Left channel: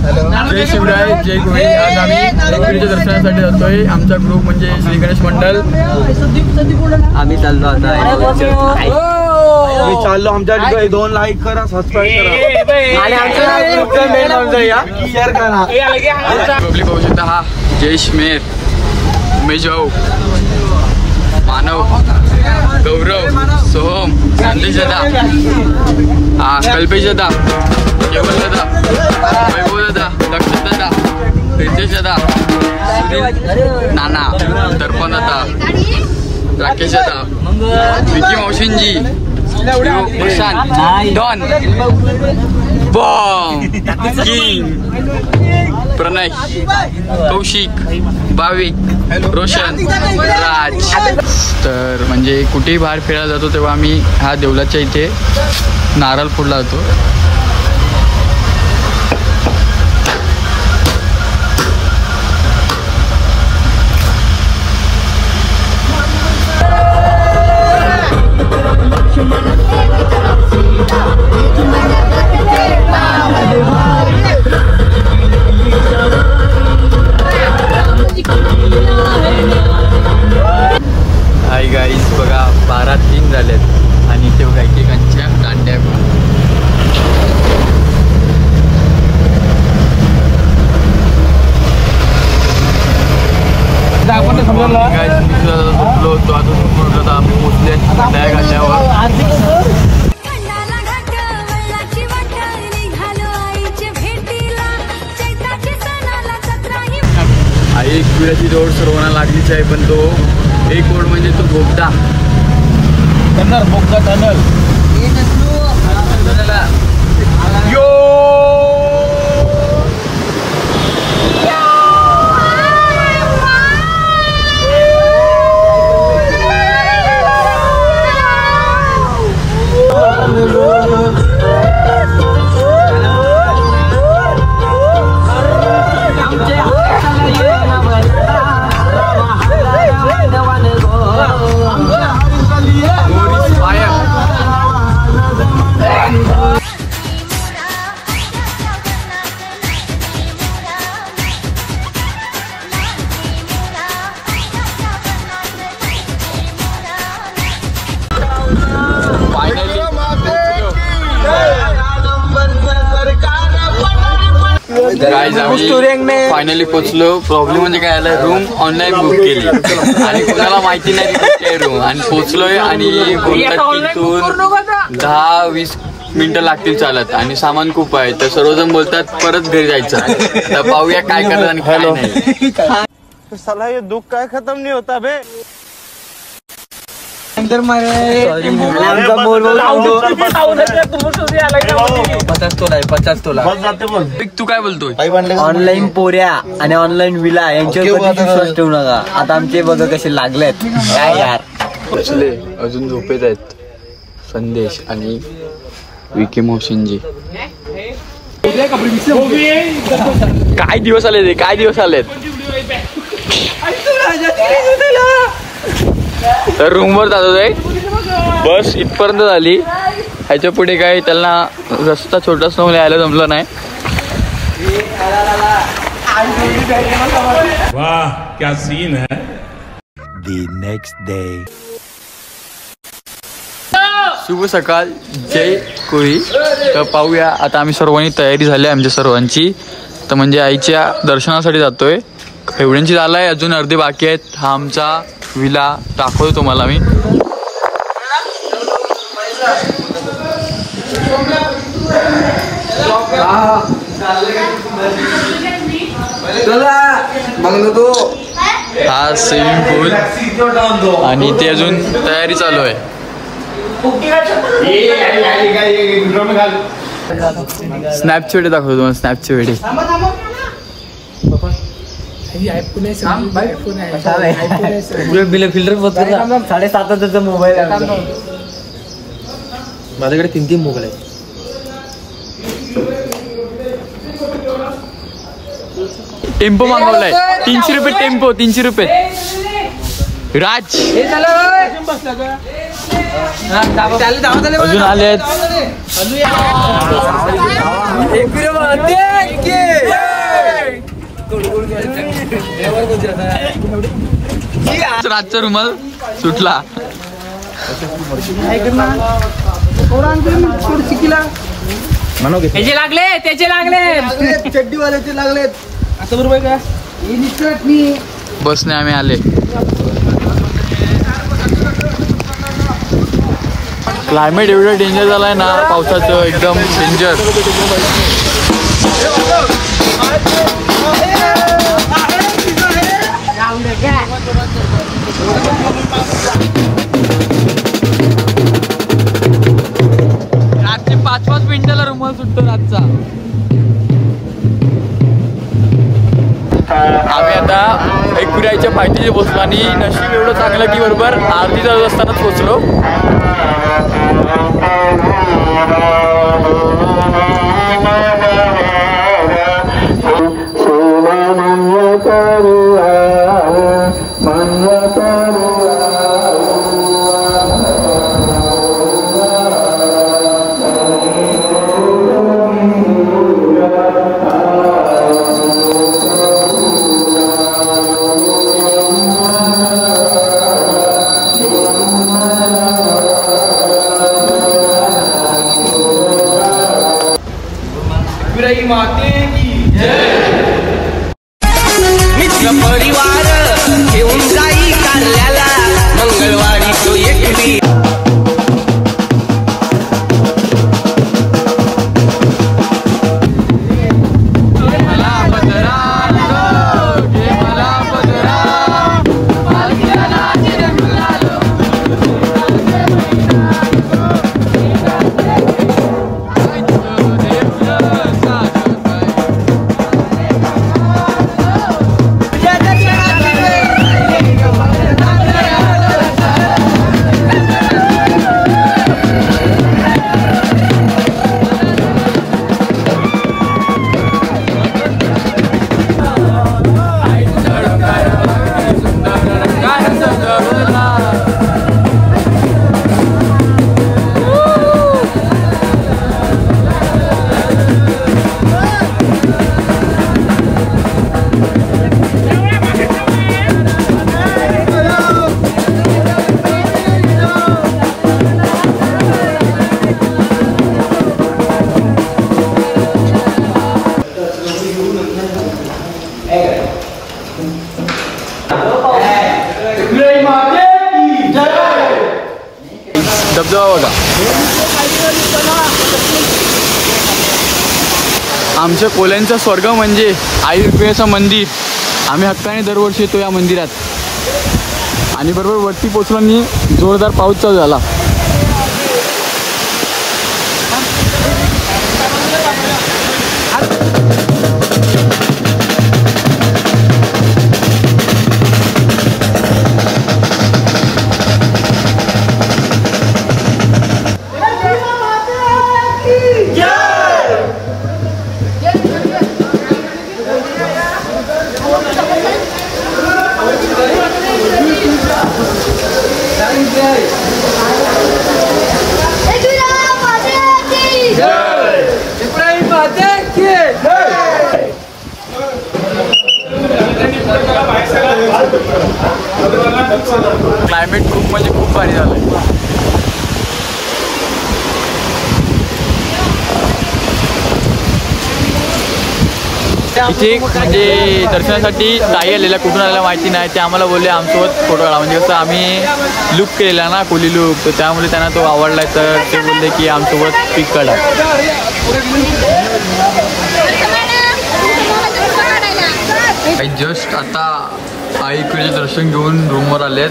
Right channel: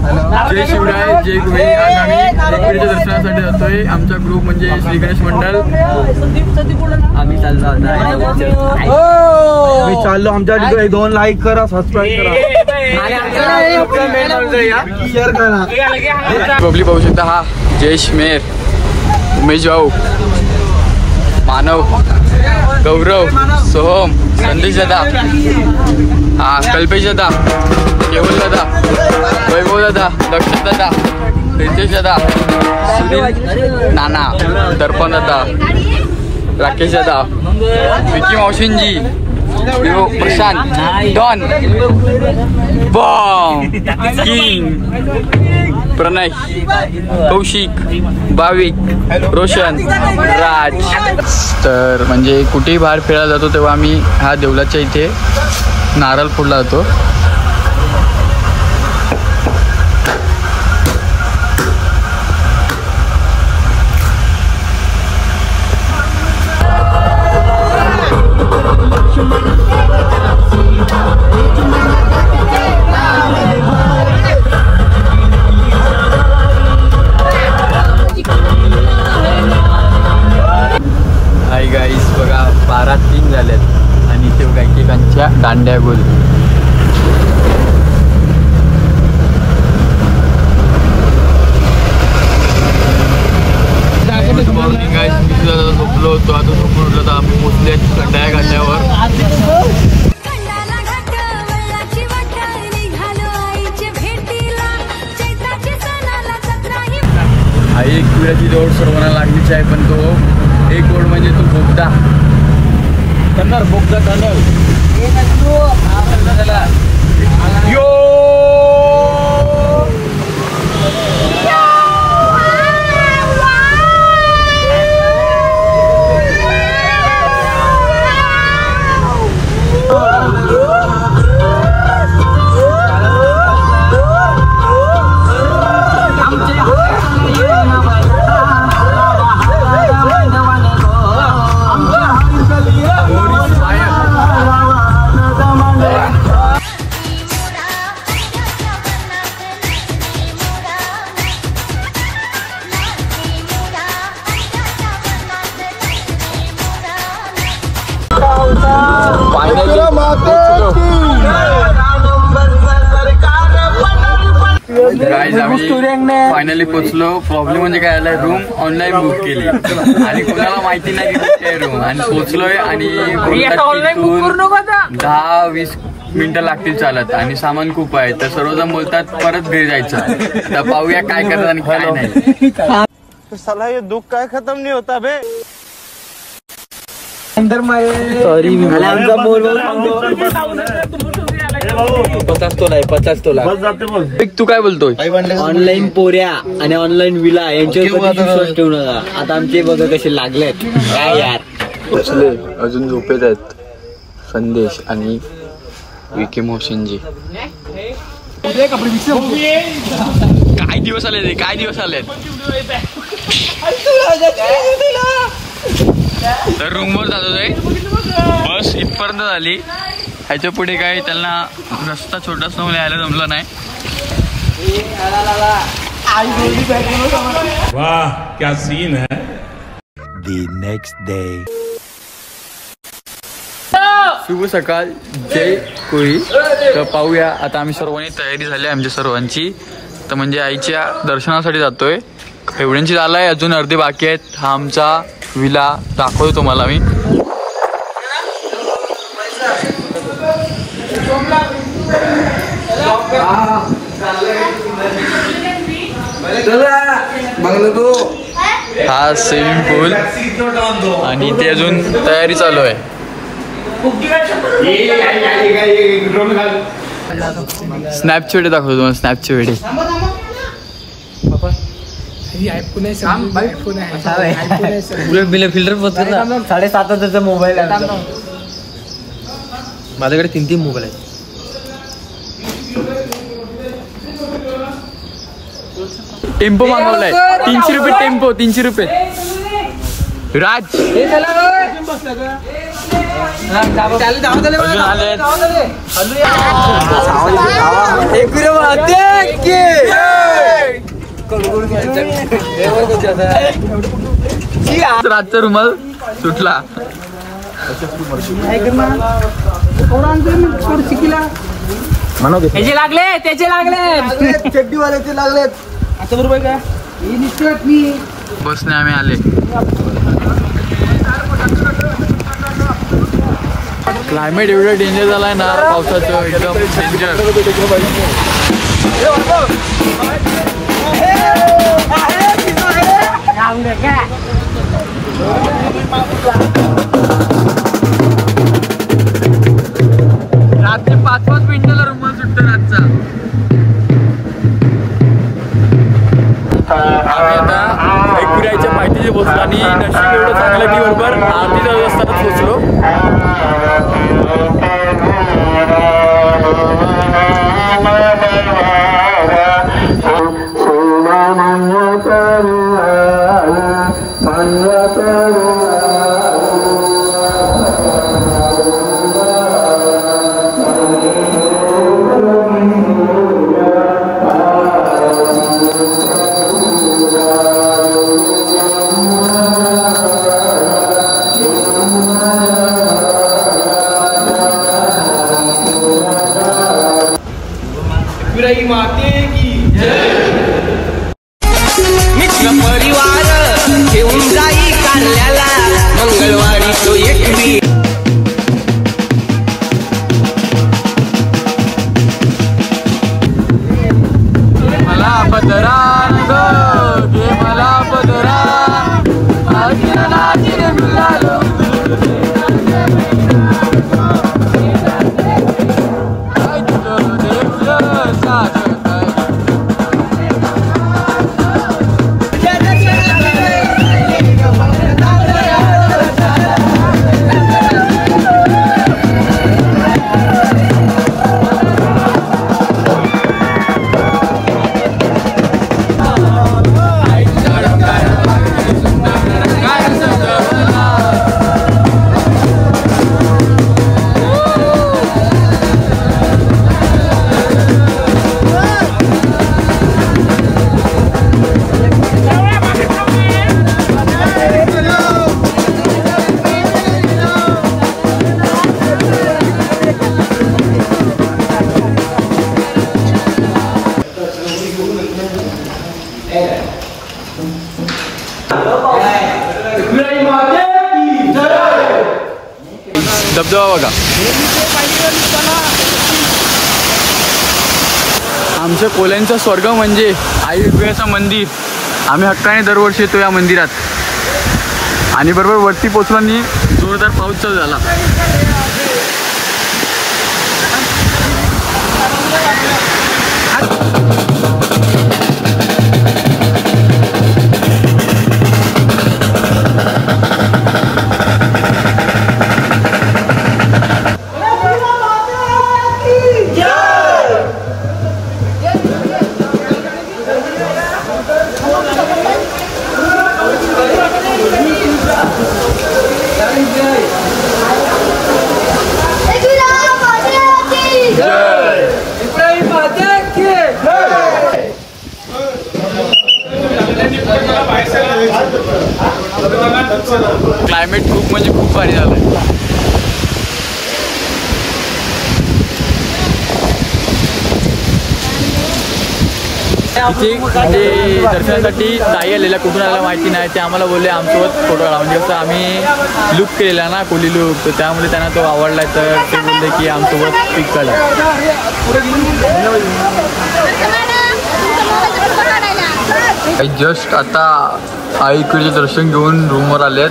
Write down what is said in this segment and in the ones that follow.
जय शिवराय, जय गुहे. आज आम्ही एकविरीच्या दर्शनासाठी जातोय. आमचा ग्रुप म्हणजे श्री गणेश मंडळ. आम्ही चाललो आमच्या 2 लाईक करा, सबस्क्राईब करा. पब्लिक पाहू शकता. हा जयेश मेर, उमेश भाऊ, मानव, गौरव, सोहम, संदेश दादा, हा कल्पेश दादा, केवल दादा, वैभव दादा, लक्ष्मण दादा, रितेश दादा, सुनील नाना, दर्पण दादा, राकेश दादा, विकी मावशींजी, Prashant, don, bomb, king, Pranay, Kaushik, Bhavik, Roshan, राज. तर म्हणजे कुठेही बाहेर फिरायला जातो तेव्हा आम्ही ह्या देवळाच्या इथे नारळ फोडला जातो. हाय गाईज, बघा 12:03 झाल्यात आणि इथे बघा एकेकांच्या दांड्या गोल. गाईज मी झोपलो होतो. आता झोपून उठलो. आम्ही पोचले खंडाळ्या घाटावर. आई एकविराची जोड सर्वांना लागलीच आहे, पण तो एक ओढ म्हणजे तो बोगदा फायनली पोचलो. प्रॉब्लेम म्हणजे काय आलाय, रूम ऑनलाईन बुक केली आणि कोणाला माहिती नाही काय रूम, आणि पोचलोय आणि बोलतात तिथून 10-20 मिनिटं लागतील चालत आणि सामान खूप आहे. तर सर्वजण बोलतात परत घरी जायचं. आता पाहूया काय करतात आणि काय नाही. साला ये दुख काय खत्म नहीं होता बे. अंदर मारे 50 तोला. तू काय बोलतोय? ऑनलाईन पोऱ्या आणि ऑनलाईन विला यांच्यावर कधीच विश्वास ठेवू नका. आता आमचे बघा कसे लागलेत. काय यार, पोचले, अजून झोपेत आहेत संदेश आणि विकी मोहसिनजी. काय दिवस आले रे, काय दिवस आलेत. तर रूमवर जातोय. बस इथपर्यंत झाली. ह्याच्या पुढे काय त्यांना रस्ता छोटासा यायला जमलं नाही. वाह क्या सीन है. The next day. शुभ सकाळ, जय कोळी. तर पाहूया आता आम्ही सर्वांनी तयारी झाली आहे आमच्या सर्वांची. तर म्हणजे आईच्या दर्शनासाठी जातोय. एवढ्यांची झालाय, अजून अर्धे बाकी आहेत. हा आमचा विला दाखवतो तुम्हाला मी. हा स्विमिंग पूल आणि ते अजून तयारी चालू आहे. स्नॅपचे व्हिडिओ दाखवतो तुम्हाला. स्नॅपचे व्हिडिओ फिल्टर 7,500 मोबाईल आहे माझ्याकडे. 3 मोबाईल आहेत. टेम्पो मागवलाय 300 रुपये. टेम्पो 300 रुपये. राज अजून आलेत. रातचा रुमाल सुटला. त्याचे लागले त्याचे लागले चड्डीवाल्याचे लागलेत. आता बरोबर काय बसने आम्ही आले. क्लायमेट एवढं डेंजर झालाय ना पावसाचं, एकदम डेंजर. रात्री 5-5 मिनिटाला रुमाल सुटतो रातचा. आम्ही आता एकपुऱ्याच्या पायथीशी बसलो आणि नशीब एवढं चांगलं की बरोबर आरती चालू असतानाच पोचलो. मित्र परिवार घेऊन जाई कारल्याला मंगळवारी तो एकटी. धबधबा बघा. आमच्या कोल्यांचा स्वर्ग म्हणजे आई रुक्मिणीचं मंदिर. आम्ही हक्काने दरवर्षी येतो या मंदिरात. आणि बरोबर वरती पोचलो आणि जोरदार पाऊस चालू झाला. क्लायमेट खूप म्हणजे खूप भारी झालंय. तिथे म्हणजे दर्शनासाठी ताई आलेल्या कुठून आलेल्या माहिती नाही. ते आम्हाला बोलले आमसोबत फोटो काढा. म्हणजे कसं आम्ही लुक केलेला ना कोली लुक, तर त्यामुळे त्यांना तो आवडलाय. तर ते बोलले की आमसोबत पिक काढा. जस्ट आता आईकडे दर्शन घेऊन रूमवर आलेत.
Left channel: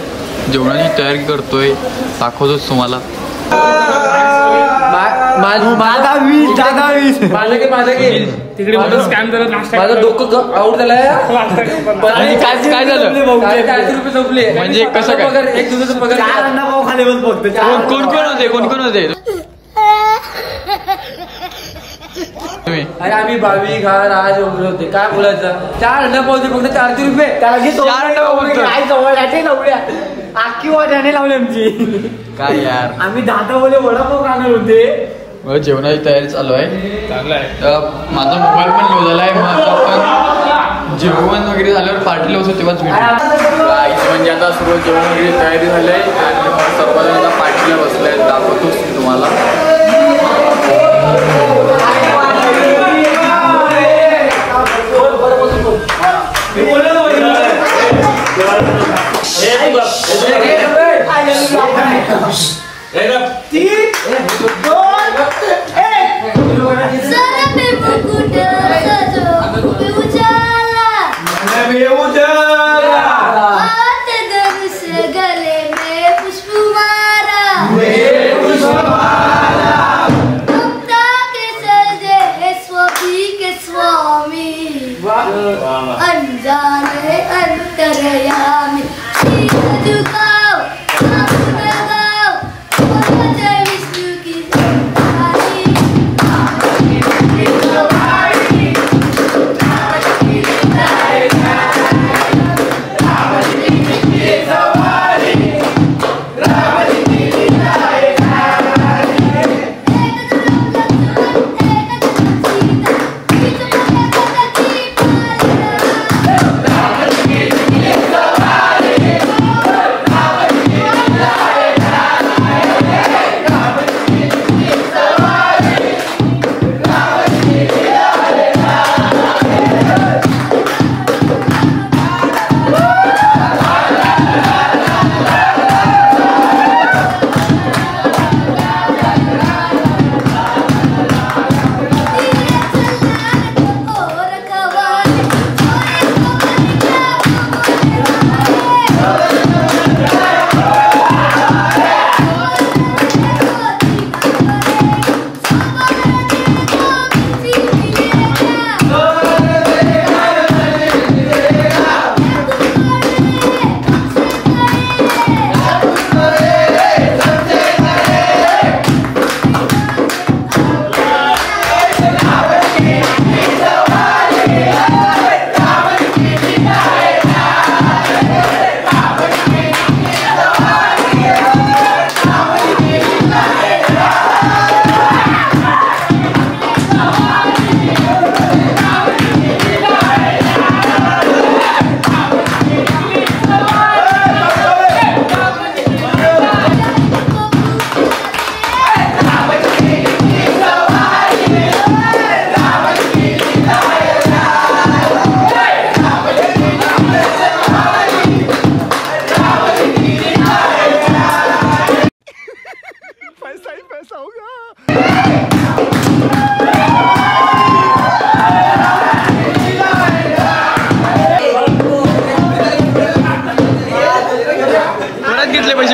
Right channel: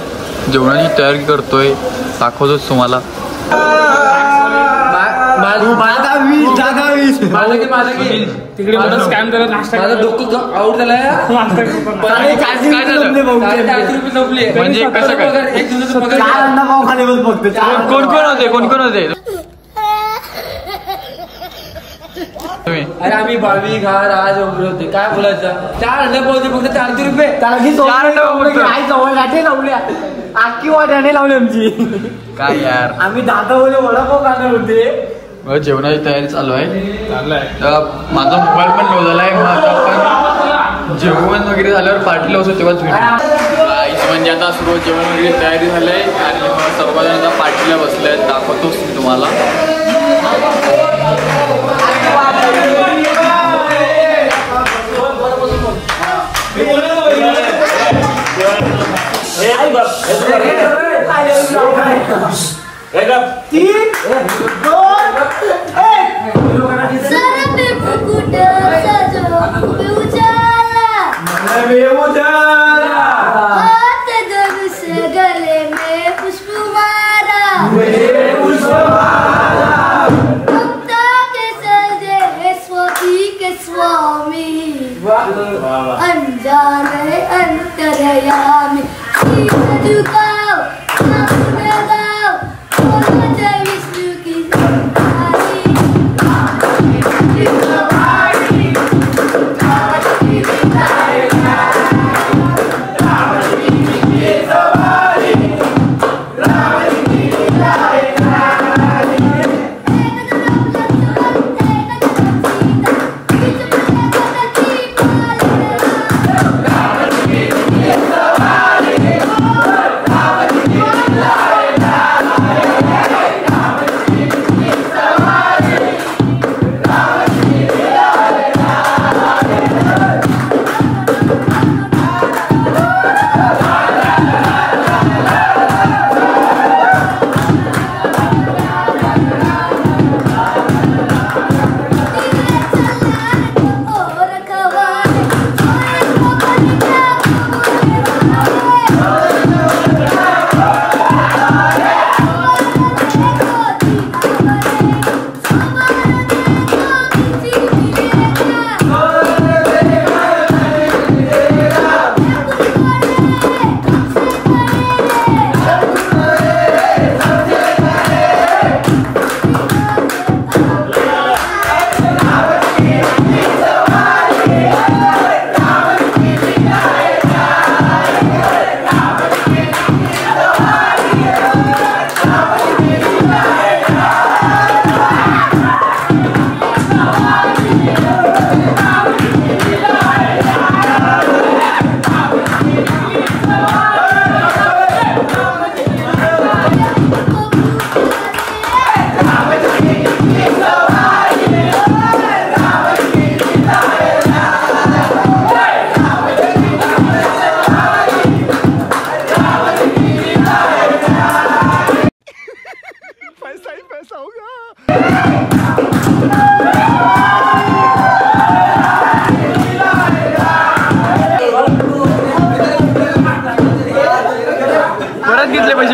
जेवणाची तयारी करतोय, दाखवतोच तुम्हाला. तिकडे स्कॅम करत माझं डोकं आउट झालंय. काय झालं म्हणजे कसं काय? एक दिवसाचा पगार 4 अंडा पाव खाली बस फक्त. कोण कोण होते? अरे आम्ही भावी घार आज वगैरे होते. काय बोलायचं? 4 अंडा पाव फक्त 400 रुपये. 4 अंडा पाव बोलतो. आखी वाट्याने लावली आमची. काय यार, आम्ही 10 वडापाव खाणार होते. जेवणाची तयारी चालू आहे. माझा मोबाईल पण लो झालाय. जेवण वगैरे झाल्यावर पार्टीला होतं तेव्हाच भेटू. म्हणजे आता सर्व जेवण वगैरे तयारी झाली आहे आणि सर्वजण आता पार्टीला बसले आहेत. दाखवतोच मी तुम्हाला. गले में पुष्प मारा के सजे स्वामी के स्वामी अनजाने अंतरयामी झुकाओ विष्णु की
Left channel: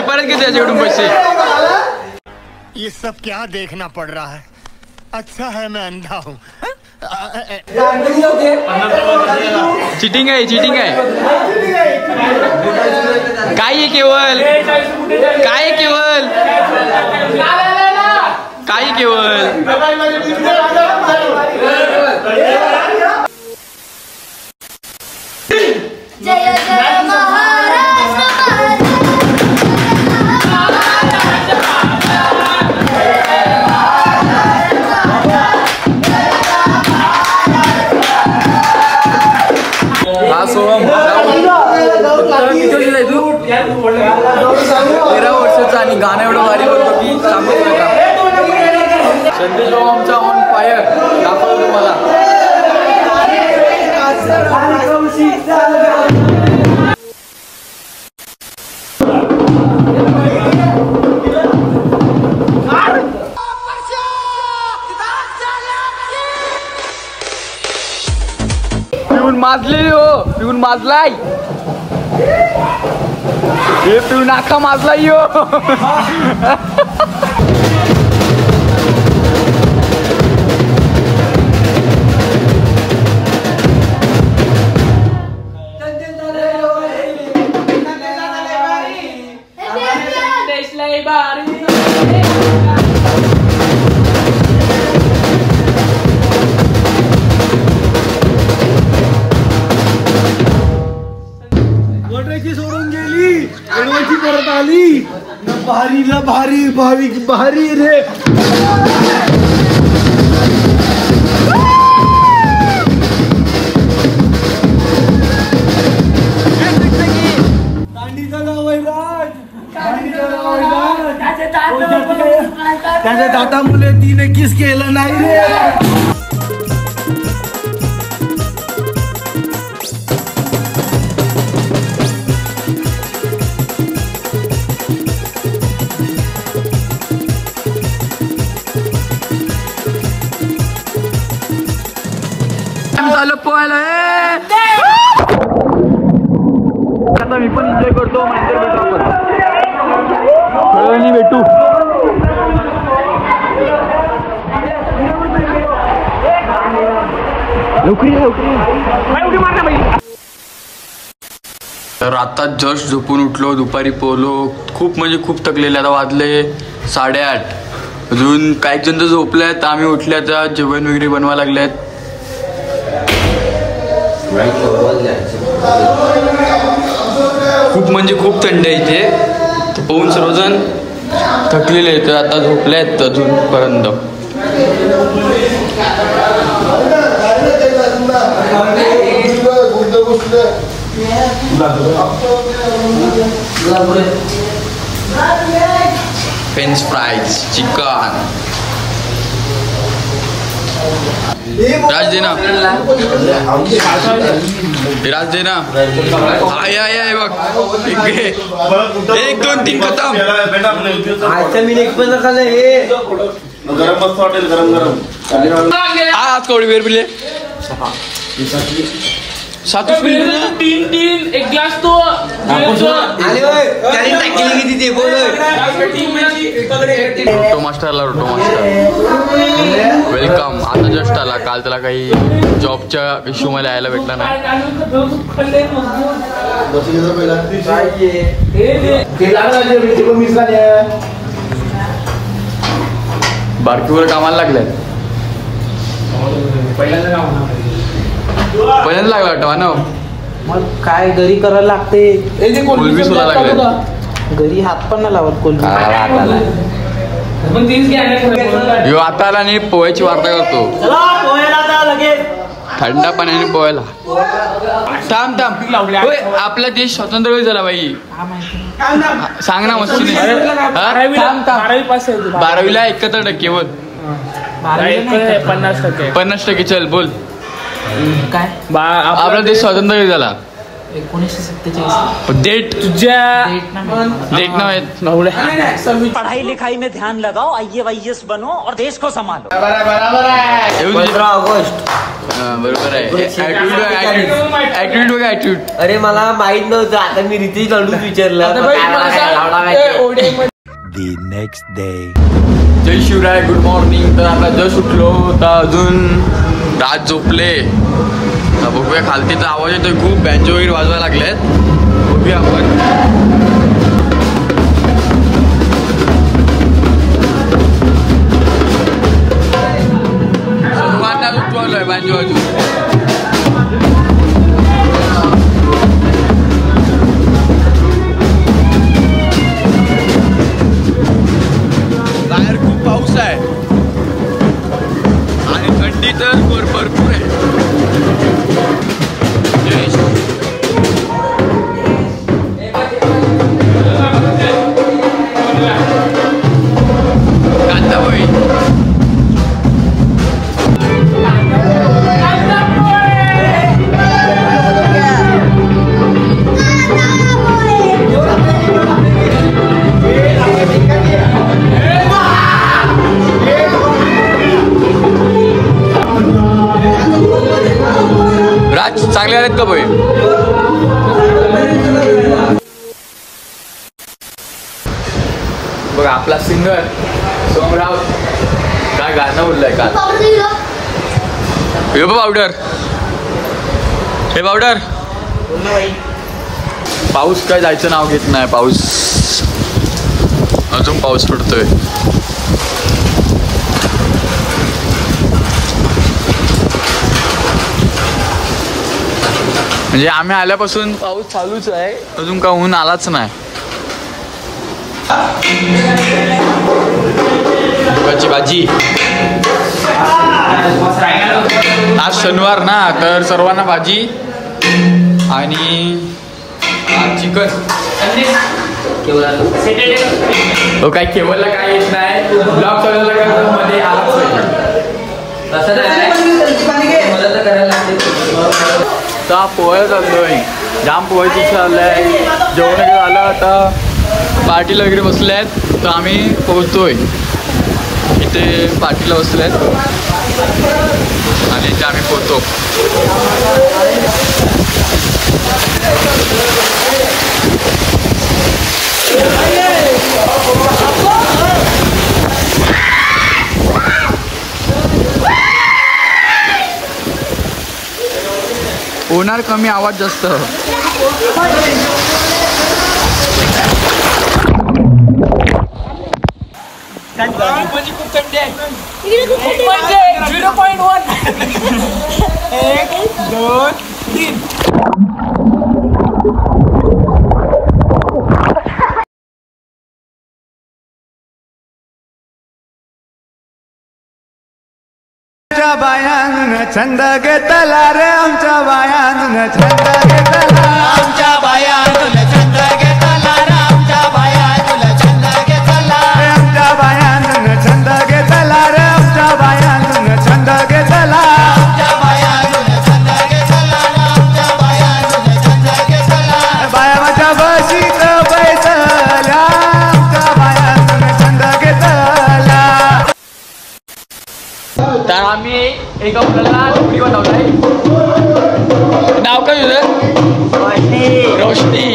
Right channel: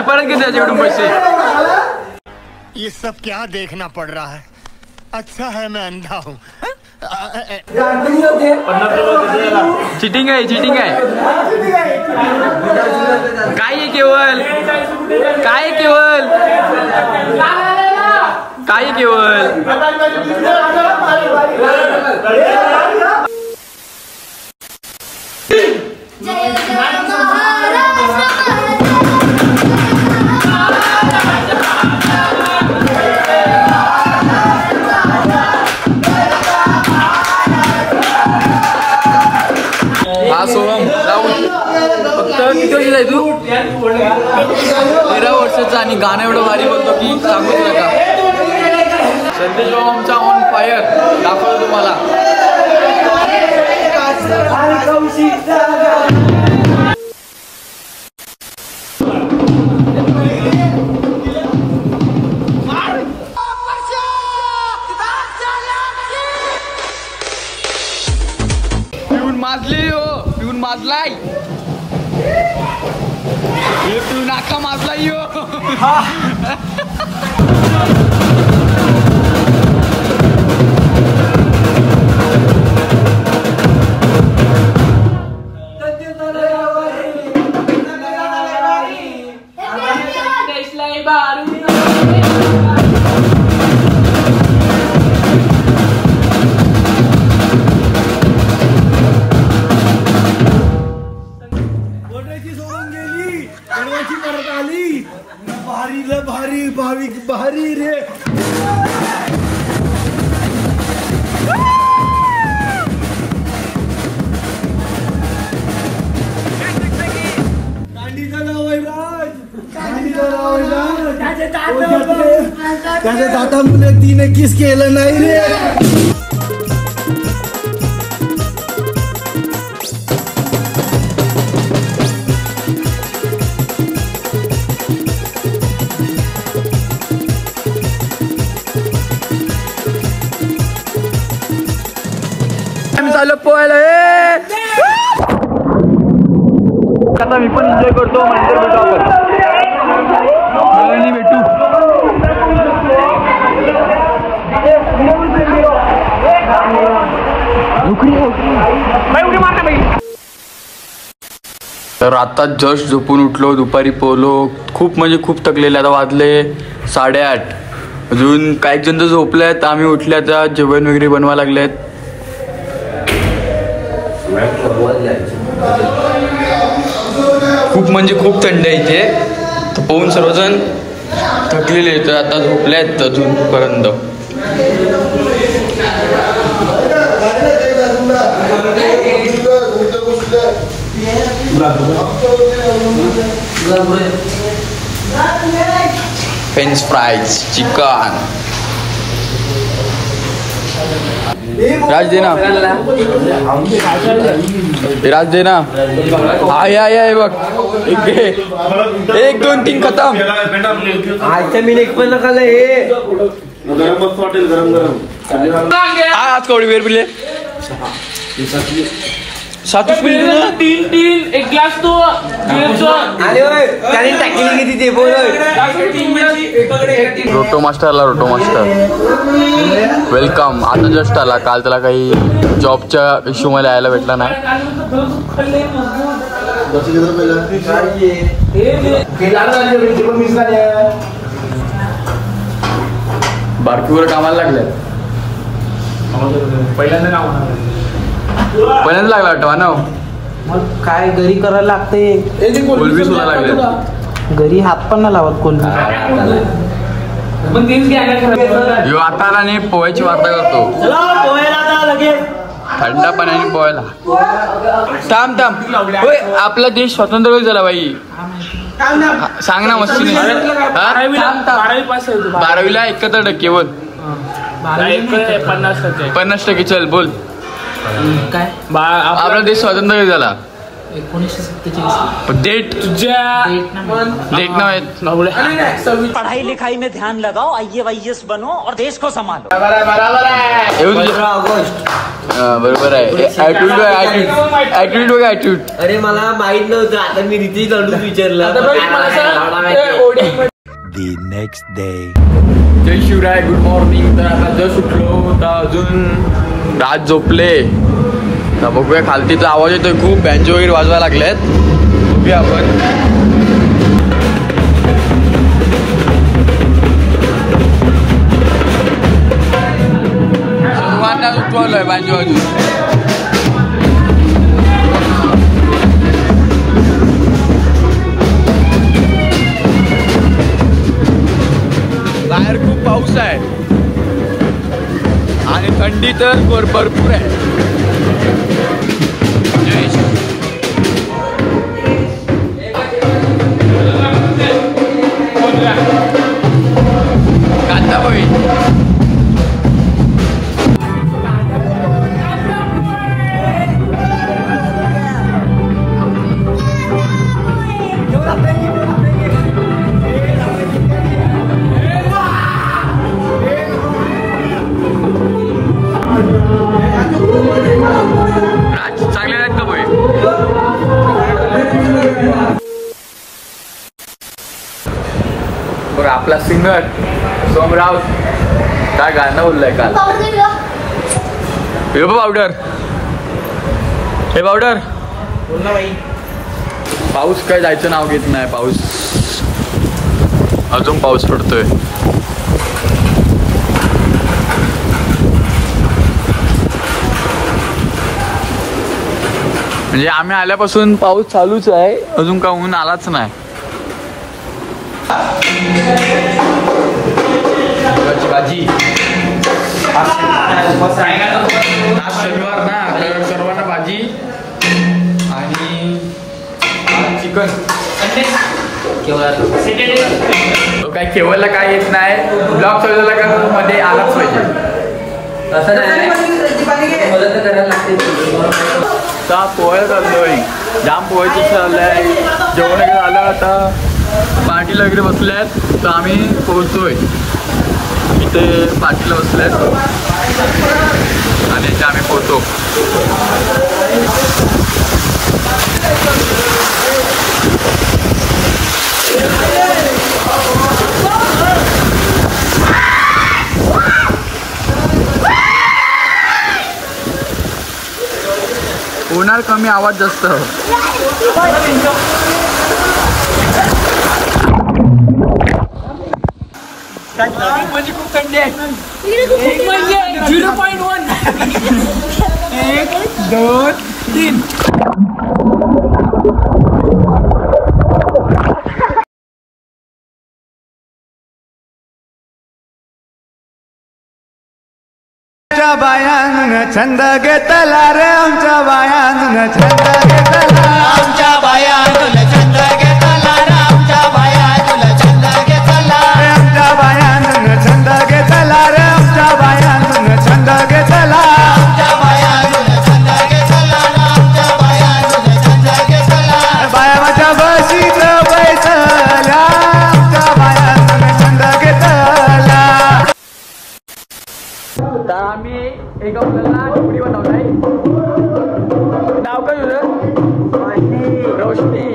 परत घेतले त्याच्याकडून पैसे. ये सब क्या देखना पड़ रहा है. अच्छा है मैं अंधा हूँ. चिटिंग आहे काय आहे केवळ जय जय महाराज हा सोहम फक्त किती वर्षाचा आहे तू? 13 वर्षाचा आणि गाणं एवढं भारी बोलतो की सांगूच नका. संदेश आमचा ऑन फायर दाखवतो तुम्हाला. पिऊन माजलाय हे पिऊन अख्खा माजलाय यो. परत आली भारी भाविक भारी रे. माझ्या दातामुळे तिने किस केलं नाही रे. चालू पोहायला आता मी पण एन्जॉय करतो. भेटू तर आता जस्ट झोपून उठलो. दुपारी पोहलो खूप म्हणजे खूप थकलेले. आता वाजले 8:30. अजून काही जण तर झोपल्यात. आम्ही उठले आता जेवण वगैरे बनवा लागलेत. खूप म्हणजे खूप थंड आहे इथे. तर पोहून सर्वजण थकलेले तर आता झोपले आहेत अजूनपर्यंत. French fries, chicken. राज दे ना, राज दे ना. आय बघ 1 2 3 खतम. आजच्या मी एक पण नका हे गरम मस्त वाटेल. गरम आज कवडी वेर पिले 7 पिले ना. 3 एक ग्लास तो रोटो मास्टर आला. रोटो मास्टर वेलकम. आता जस्ट आला. काल त्याला काही जॉबच्या इश्यू मला यायला भेटला नाही. बारकीवर कामाला लागले. पहिल्यांदा लागला वाटतं ना. मग काय घरी करायला लागते. कोलबी सुद्धा लागले. घरी हात पण नाही लावत कोण. यो आता आला नाही. पोहायची वार्ता करतो. थंड पाण्याने पोहायला. थांब होय. आपला देश स्वतंत्र झाला बाई. सांग ना मस्ती. 12वीला 71% केवळ. 50% चल बोल. काय आपला देश स्वतंत्र झाला 1947. डेट डेट नाव आहे. पढ़ाई लिखाई में ध्यान लगाओ. IAS बनो और देश को संभालो. 15 ऑगस्ट. बरोबर आहे. ऍटिट्यूड बघा ऍटिट्यूड. अरे मला माहित नव्हतं. आता मी रितेश लाडूच विचारलं. The next day. जय शिवराय. Good morning. तर आता जस्ट उठलो. तर अजून रात झोपले. तर बघूया. खालतीचा आवाज येतोय खूप. बँजो वगैरे वाजवायला लागलेत. बघूया आपण. सर्वांना उठवलंय बँजो वाजवून. बाहेर खूप पाऊस आहे आणि थंडी तर भरपूर आहे. कांदा पोहे. राज चांगले आहेत का पोहे. बघा आपला सिंगर सोमराव काय गाणं बोललाय काल. हे पावडर. हे पावडर. पाऊस काय जायचं नाव घेत नाही. पाऊस अजून पाऊस पडतोय. म्हणजे आम्ही आल्यापासून पाऊस चालूच आहे. अजून का ऊन आलाच नाही. मुगाची भाजी. आज शनिवार ना तर सर्वांना भाजी आणि चिकन. तो काही केवळला काय येत नाही. ब्लॉग चालवला का मध्ये आलाच पाहिजे. आता पोहायला चाललोय. जाम पोहायचं चाललंय. जेवण वगैरे झालं. आता पार्टीला वगैरे बसल्यात. तर आम्ही पोहोचतोय. इथे पार्टीला बसल्यात आणि इथे आम्ही पोहतो. होणार कमी, आवाज जास्त. खूप थंडी आहे. 0.1 1 2 3. आमच्या बायानं छंद घेतला रे. आमच्या बायानं छंद घेतला. आमच्या बायानं छंद घेतला रे. आमच्या बायानं छंद घेतला. आमच्या बायानं छंद घेतला रे. आमच्या बायानं छंद घेतला. आमच्या बायानं छंद घेतला. आमच्या बायानं छंद घेतला. बाया माझ्या बशीत बैसल्या. आमच्या बायानं छंद घेतला. तर आम्ही एका मुलाला झोपडी बनवलाय. नाव काय तुझं? रोशनी.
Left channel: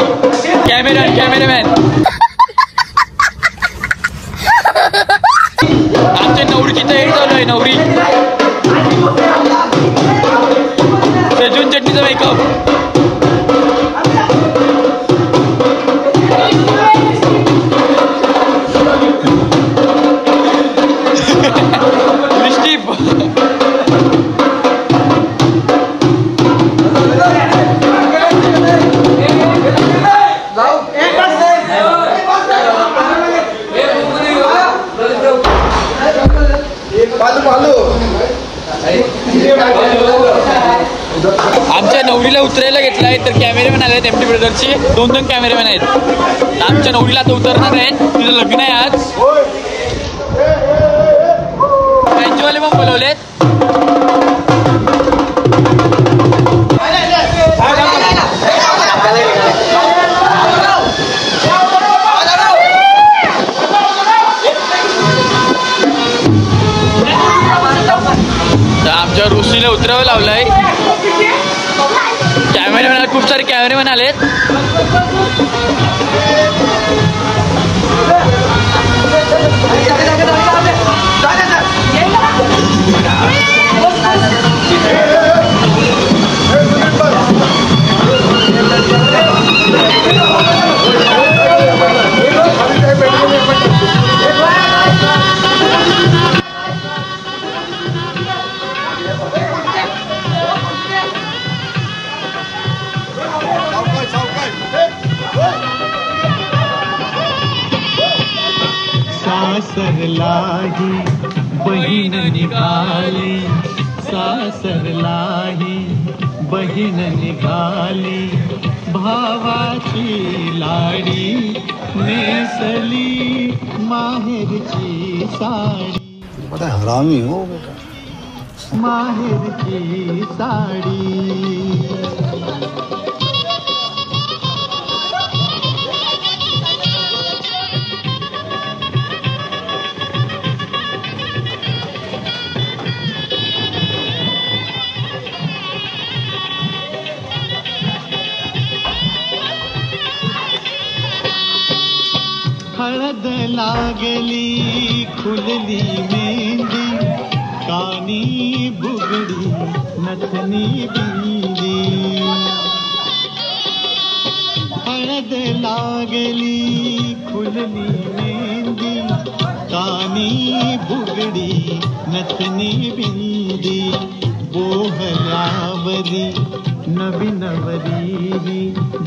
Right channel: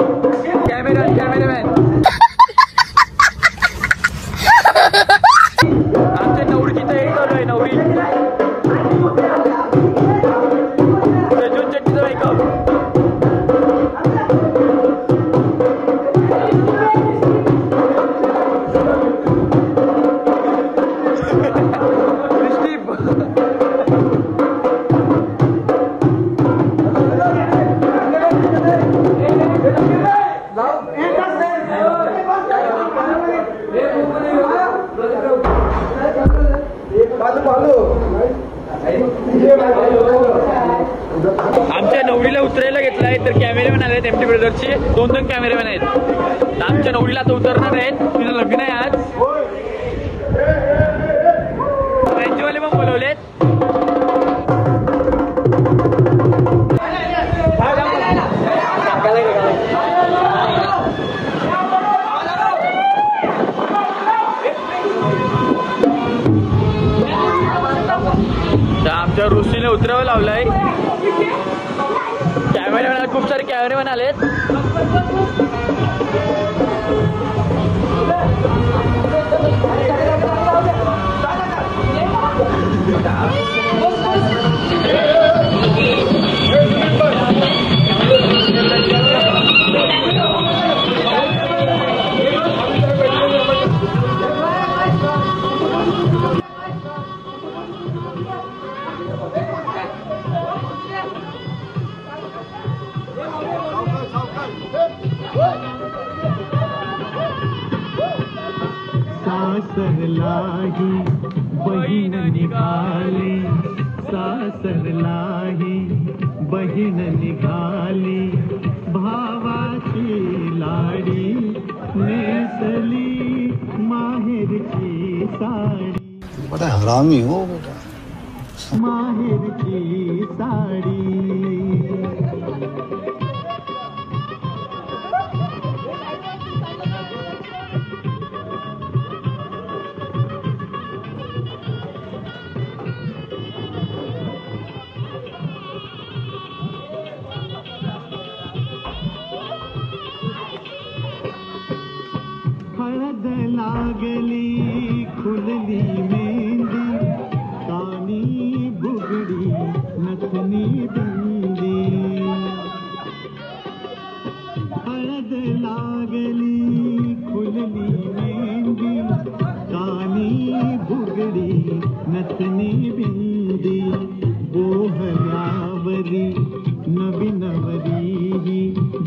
कॅमेरामॅन. आमच्या नवरीची तयारी चालू आहे. नवरी सजून चटणीचा मेकअप. आमच्या नवरीला उतरायला घेतलाय. तर कॅमेरामॅन आले आहेत. एमटी ब्रदर्सचे 2 कॅमेरामॅन आहेत. आमच्या नवरीला आता उतरणार आहेत. तिचं लग्न आहे आज. त्यांचेवाले मग बोलवलेत. आमच्या रोशनीला उतरावं लावलंय. कॅमेरामॅन खूप सारे कॅमेरामॅन आलेत. सासरलाही बहीण निघाली. सासरलाही बहीण निघाली. भावाची लाडी नेसली माहेरची साडी. बड़ा हरामी हो बेटा. माहेरची साडी. हळद लागली खुलली मेहंदी. कानी बुगडी नथनी बिंदी. हळद लागली खुलली मेहंदी. कानी बुगडी नथनी बिंदी. बोहल्यावरी नवीनवरी.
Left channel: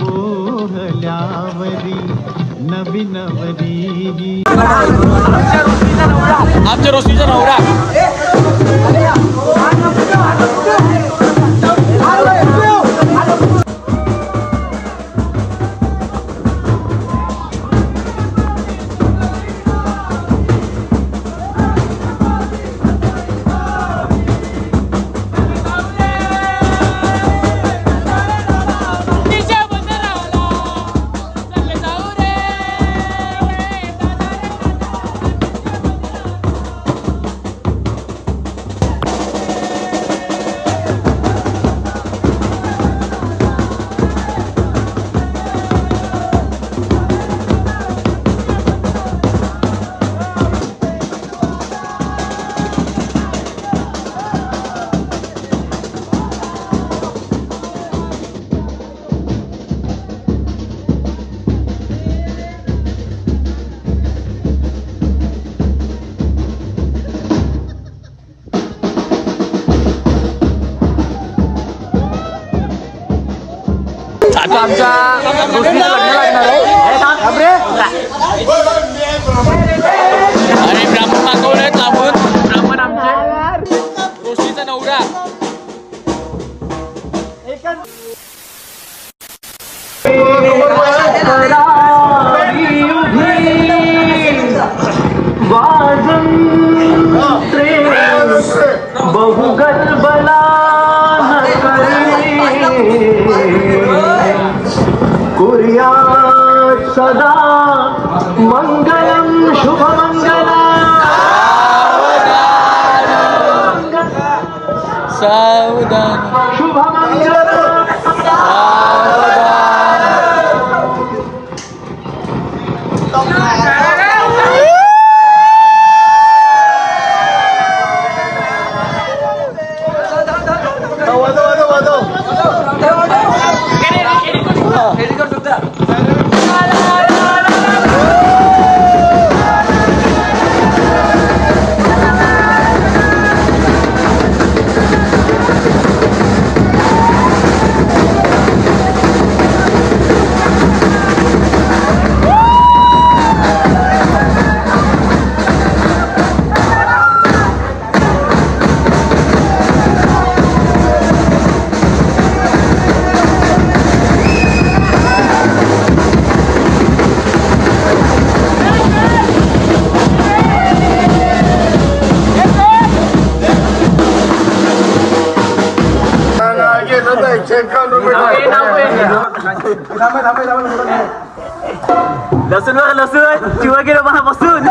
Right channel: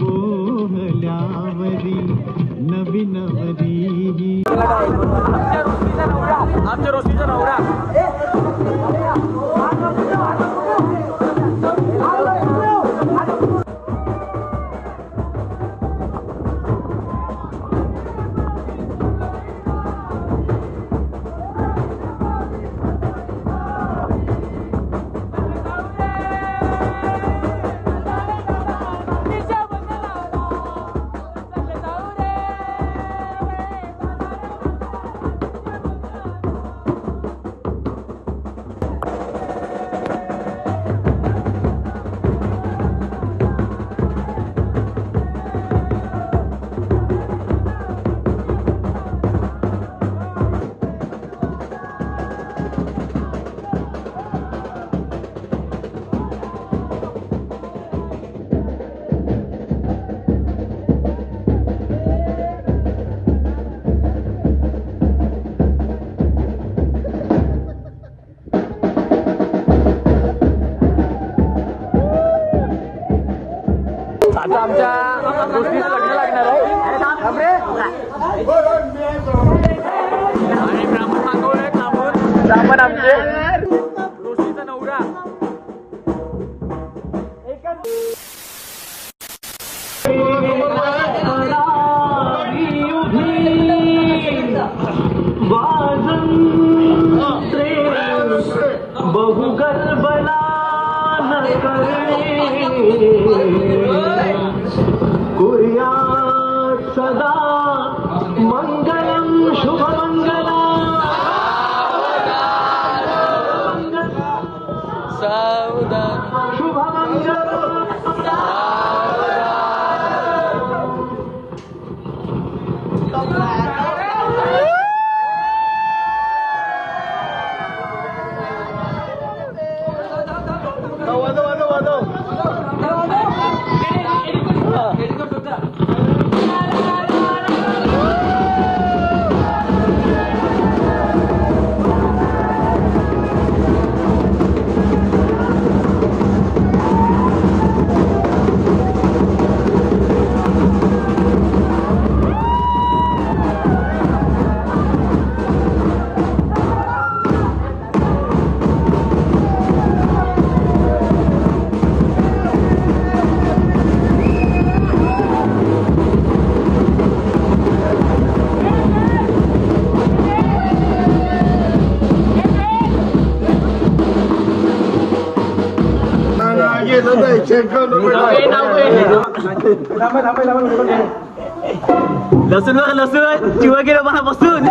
बोहल्यावरी नवीनवरी. आमच्या रोशनीचा नवरा. आमच्या आणि ब्राह्मण मागवलंय लांबून. ब्राह्मण आमचे रोशनीचा नवरा. सदा मंगलम शुभ मंगला सावधान शुभ मंगल लसूण बघा लसूण किंवा गेलं मला बसून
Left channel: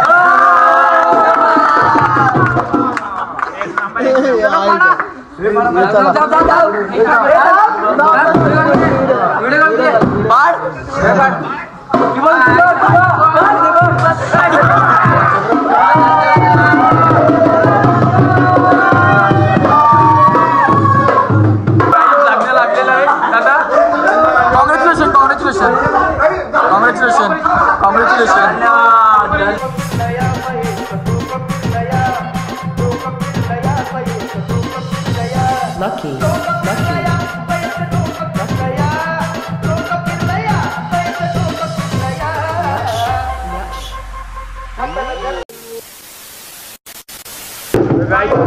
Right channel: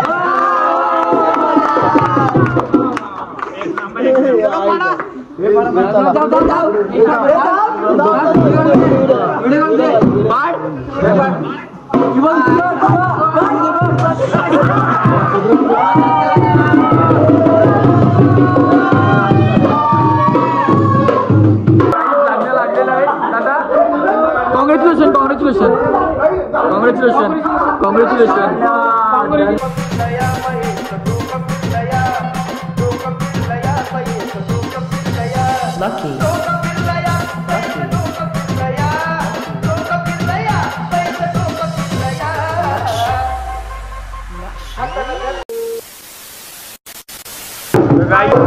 Lucky.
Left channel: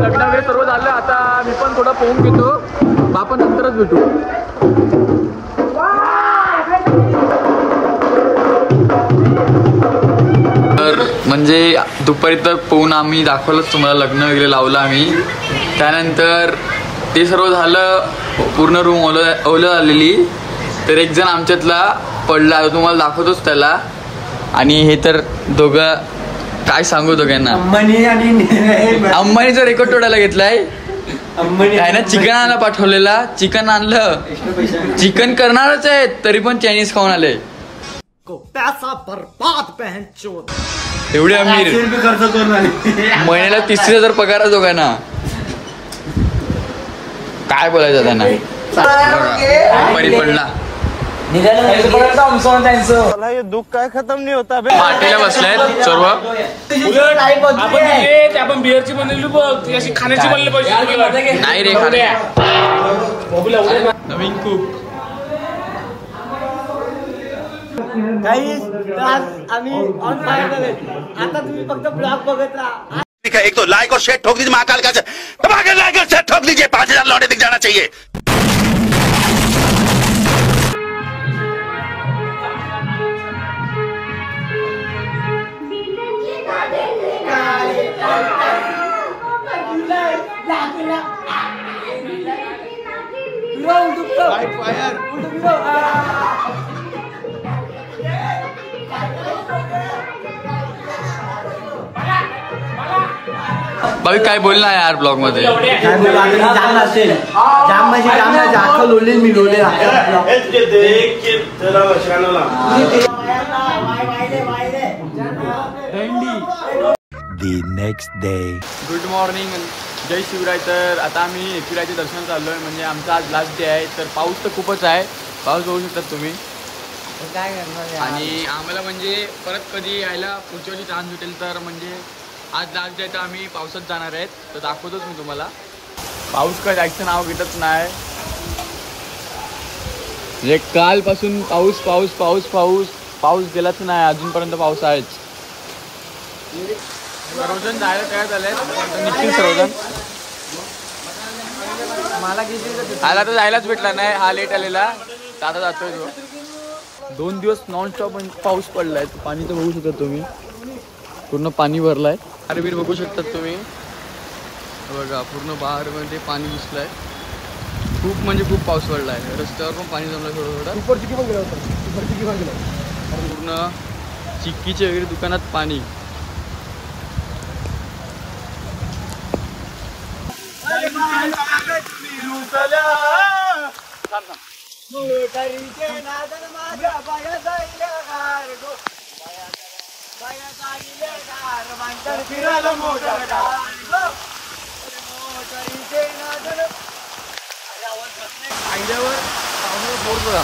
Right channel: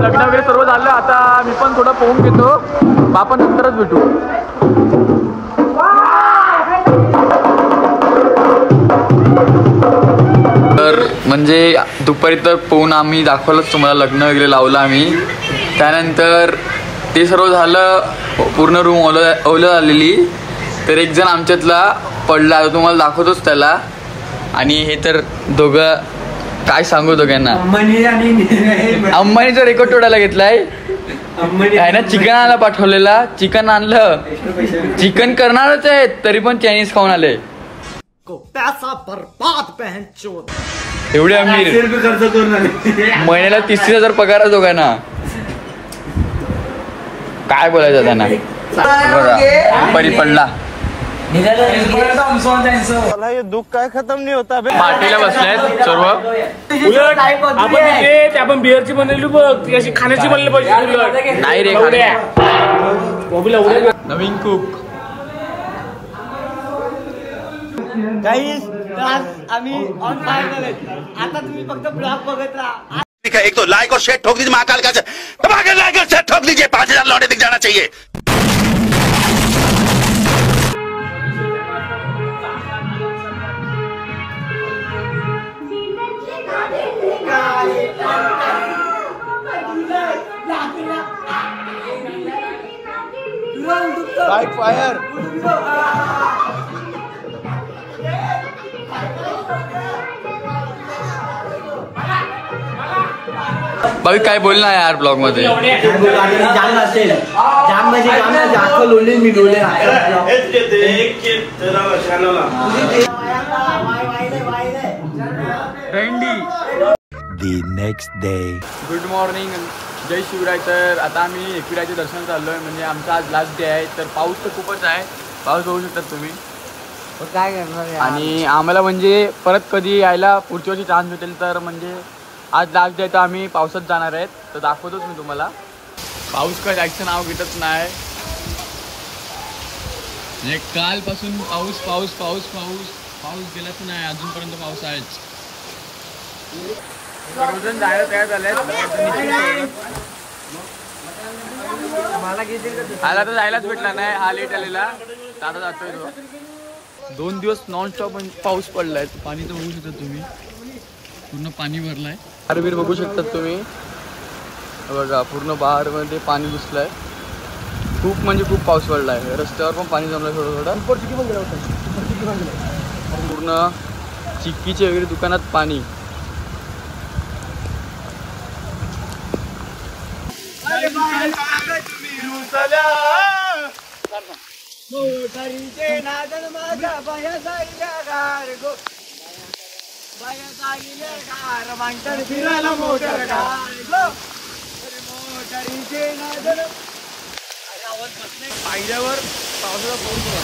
लग्न वगैरे सर्व झालं. आता मी पण थोडं पोहून घेतो. आपण नंतरच भेटू. तर म्हणजे दुपारी तर पोहून आम्ही दाखवलंच तुम्हाला. लग्न वगैरे लावलं आम्ही. त्यानंतर ते सर्व झालं. पूर्ण रूम ओलं झालेली. तर एक जण आमच्यातला पडला. तुम्हाला दाखवतोच त्याला. आणि हे तर दोघं काय सांगू दोघांना. अंबानीचा रेकॉर्ड तोडायला घेतलाय. आहे ना. चिकन आणायला पाठवलेला. चिकन आणलं. चिकन करणारच आहे तरी पण चायनीज खाऊन आले. पैसा बर्बाद बहन चोद. एवढे अमीर. महिन्याला 30,000 पगार आहे दोघांना. काय बोलायचं त्यांना. परी पडला. ये दुख काय खत्म नहीं होता. पार्टीला बसलेत सर्व. नाही रे खाणे. नवीन कुक. आम्ही ऑन फायर झाले. आता तुम्ही फक्त ब्लॉग बघत राहा. एक तो लाइक और शेयर ठोक दीजिए. महाकाल का धमाके लाइक और शेयर ठोक दीजिए. 5,000 लौटे दिख जाना चाहिए. फायर. बाकी काय बोल ना यार ब्लॉग मध्ये. काय बोलू आता. जाम असेल. जाम म्हणजे जाम नाही. जाखं लोले मी लोले. The next day. Good morning. जय शिवराय. तर आता आम्ही एकविरायचे दर्शन चाललोय. म्हणजे आमचा आज लास्ट डे आहे. तर पाऊस तर खूपच आहे. पाऊस बघू शकतात तुम्ही. आणि आम्हाला म्हणजे परत कधी यायला पुढच्या वर्षी चान्स भेटेल. तर म्हणजे आज लास्ट डे तर आम्ही पावसात जाणार आहेत. तर दाखवतोच मी तुम्हाला. पाऊस काय जायचं नाव घेतच नाही. म्हणजे कालपासून पाऊस पाऊस पाऊस पाऊस पाऊस गेलाच नाही, अजूनपर्यंत पाऊस आहेच. सर्वजण जायला तयार झाले सर्वजण. मला तर जायलाच भेटला नाही, हा लेट आलेला. आता जातोय तो. 2 दिवस नॉनस्टॉप पाऊस पडलाय. पाणी तर बघू शकता तुम्ही, पूर्ण पाणी भरलाय. आरबीर बघू शकतात तुम्ही बघा, पूर्ण बाहेरमध्ये पाणी घुसलंय. खूप म्हणजे खूप पाऊस पडलाय. रस्त्यावर पण पाणी जमलंय थोडं थोडं. पूर्ण चिक्कीचे वगैरे दुकानात पाणी. पायऱ्यावर पावसाचा फोड बघा.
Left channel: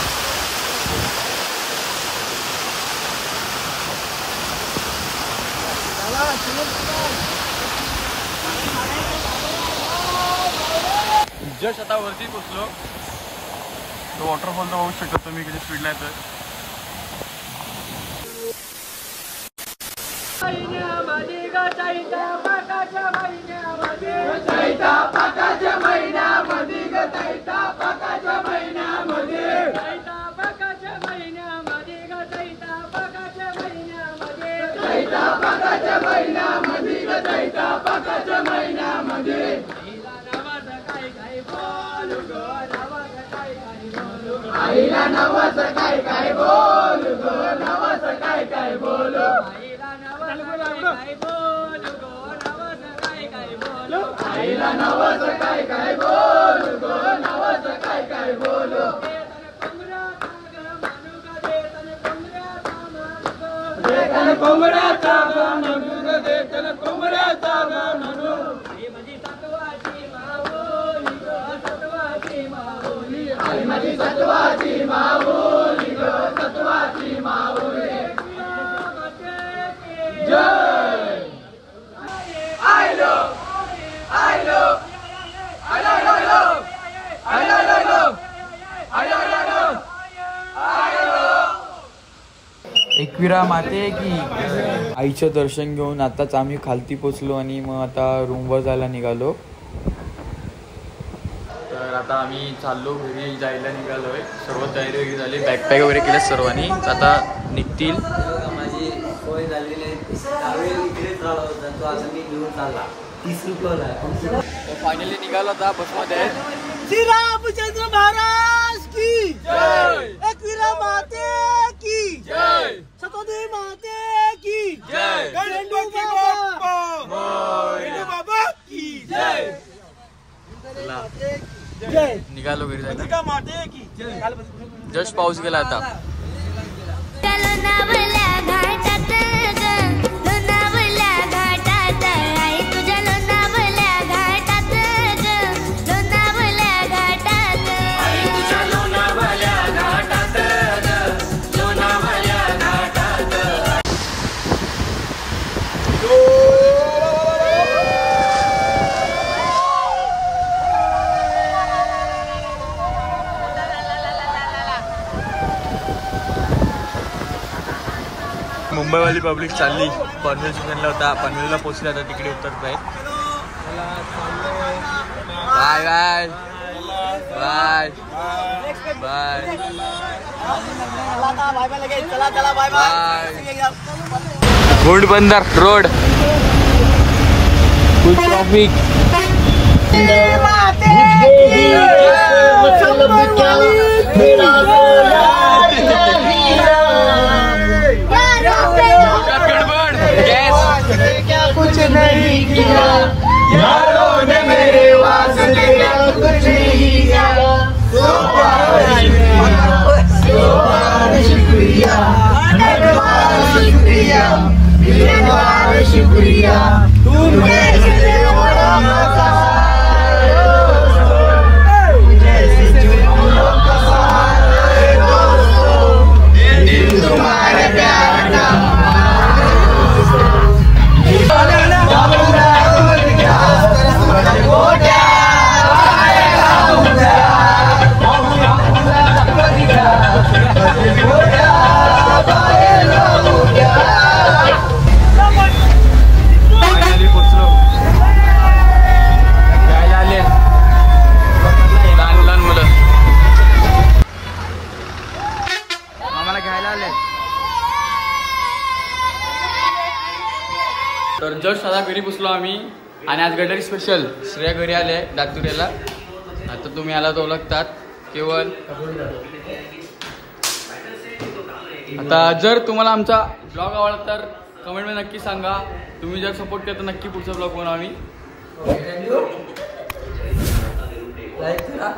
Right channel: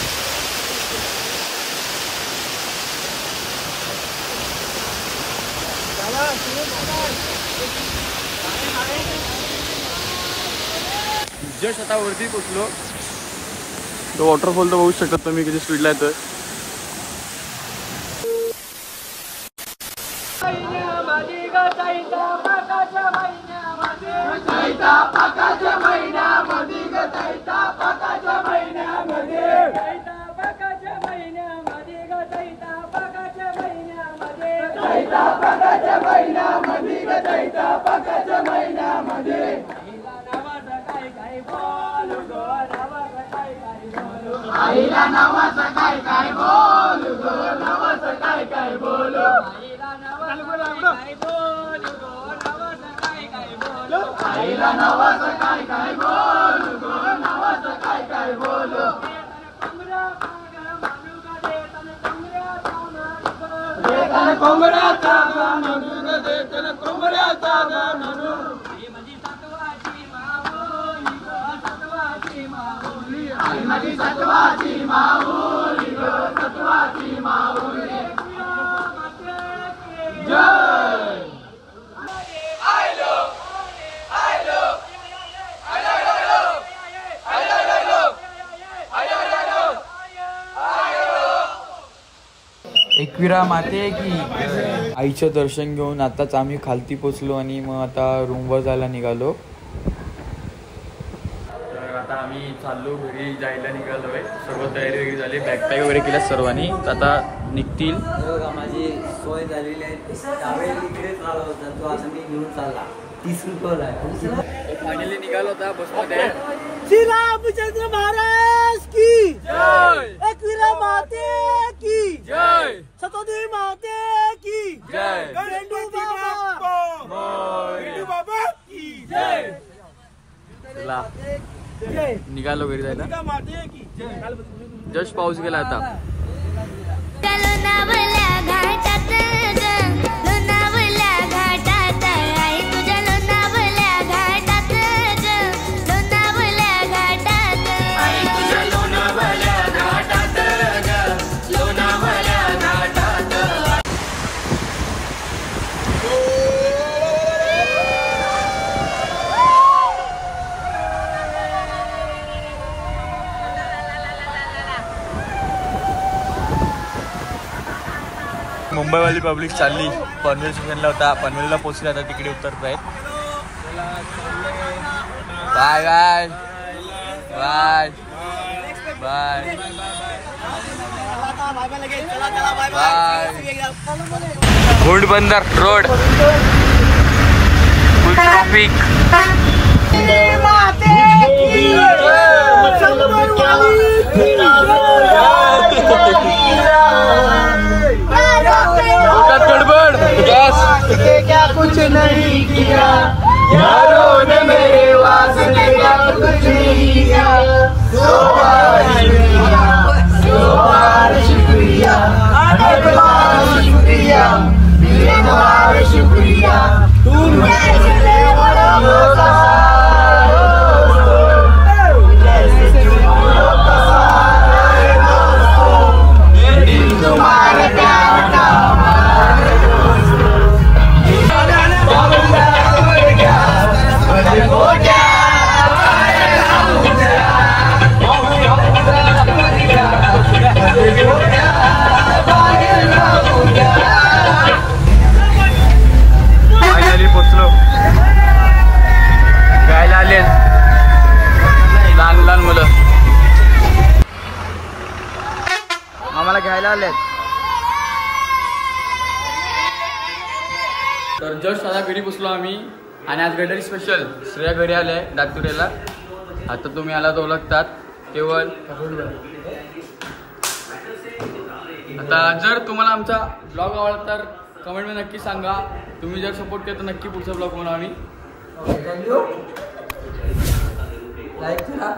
जस्ट आता वरती पोचलो. तो वॉटरफॉल तर बघू शकता तुम्ही किती स्पीडला येतोय. आईला नवाचं काय काय बोलू गो, नवाचं काय काय बोलू. आईला नवाचं काय काय बोलू गो, नवाचं काय काय बोलू. देताना कोंबड्याचा दाणा दूध, देताना कोंबड्याचा दाणा दूध. आई माझी सत्वाची माऊली ग, सत्वाची माऊली. जय आयलो आयलो आयलो आयलो आयलो आयलो. एकविरा माते की आईचं दर्शन घेऊन आताच आम्ही खालती पोचलो आणि मग आता रूमवर जायला निघालो. तर आता आम्ही चाललो घरी जायला निघालोय. सर्व तयारी वगैरे झाली, बॅकपॅक वगैरे केल्या सर्वांनी. आता निघतील. माझी सोय झालेली आहे. त्यावेळी इकडेच राहिला होता तो, आता मी घेऊन चालला. 30 रुपयाला आहे. फायनली निघाला होता बसमध्ये. श्री रामचंद्र महाराज की जय, एकविरा माते की जय, सतोदे माते की जय, गंडू बाबा की जय. चला निघालो घरी जायला. जस्ट पाऊस गेला आता. लोणावळ्या घाटात ग, लोणावळ्या घाटात आई तुझ्या लोणावळ्या घाटात ग, लोणावळ्या घाटात आई तुझ्या लोणावळ्या घाटात ग, लोणावळ्या घाटात. मुंबईवाली पब्लिक चालली पनवेल स्टेशनला. होता पनवेलला पोहोचले, आता तिकडे उतरत आहेत. Bye bye bye bye bye. Ghodbunder road, full traffic. गड़बड़ गैस क्या कुछ नहीं किया यारों ने मेरे वास्ते क्या कुछ नहीं किया. सो बार शुक्रिया, हर बार शुक्रिया, मेरे बार शुक्रिया. तुम मेरे बड़ा जस्ट आता घरी बसलो आम्ही आणि आज गटारी स्पेशल श्रेया घरी आले दातुऱ्याला. आता तुम्ही आला तर ओळखतात केवळ. आता जर तुम्हाला आमचा ब्लॉग आवडला तर कमेंटमध्ये नक्की सांगा. तुम्ही जर सपोर्ट केला तर नक्की पुढचा ब्लॉग बनवू आम्ही. लाईक करा,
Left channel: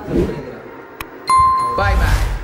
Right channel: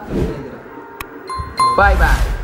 बाय बाय.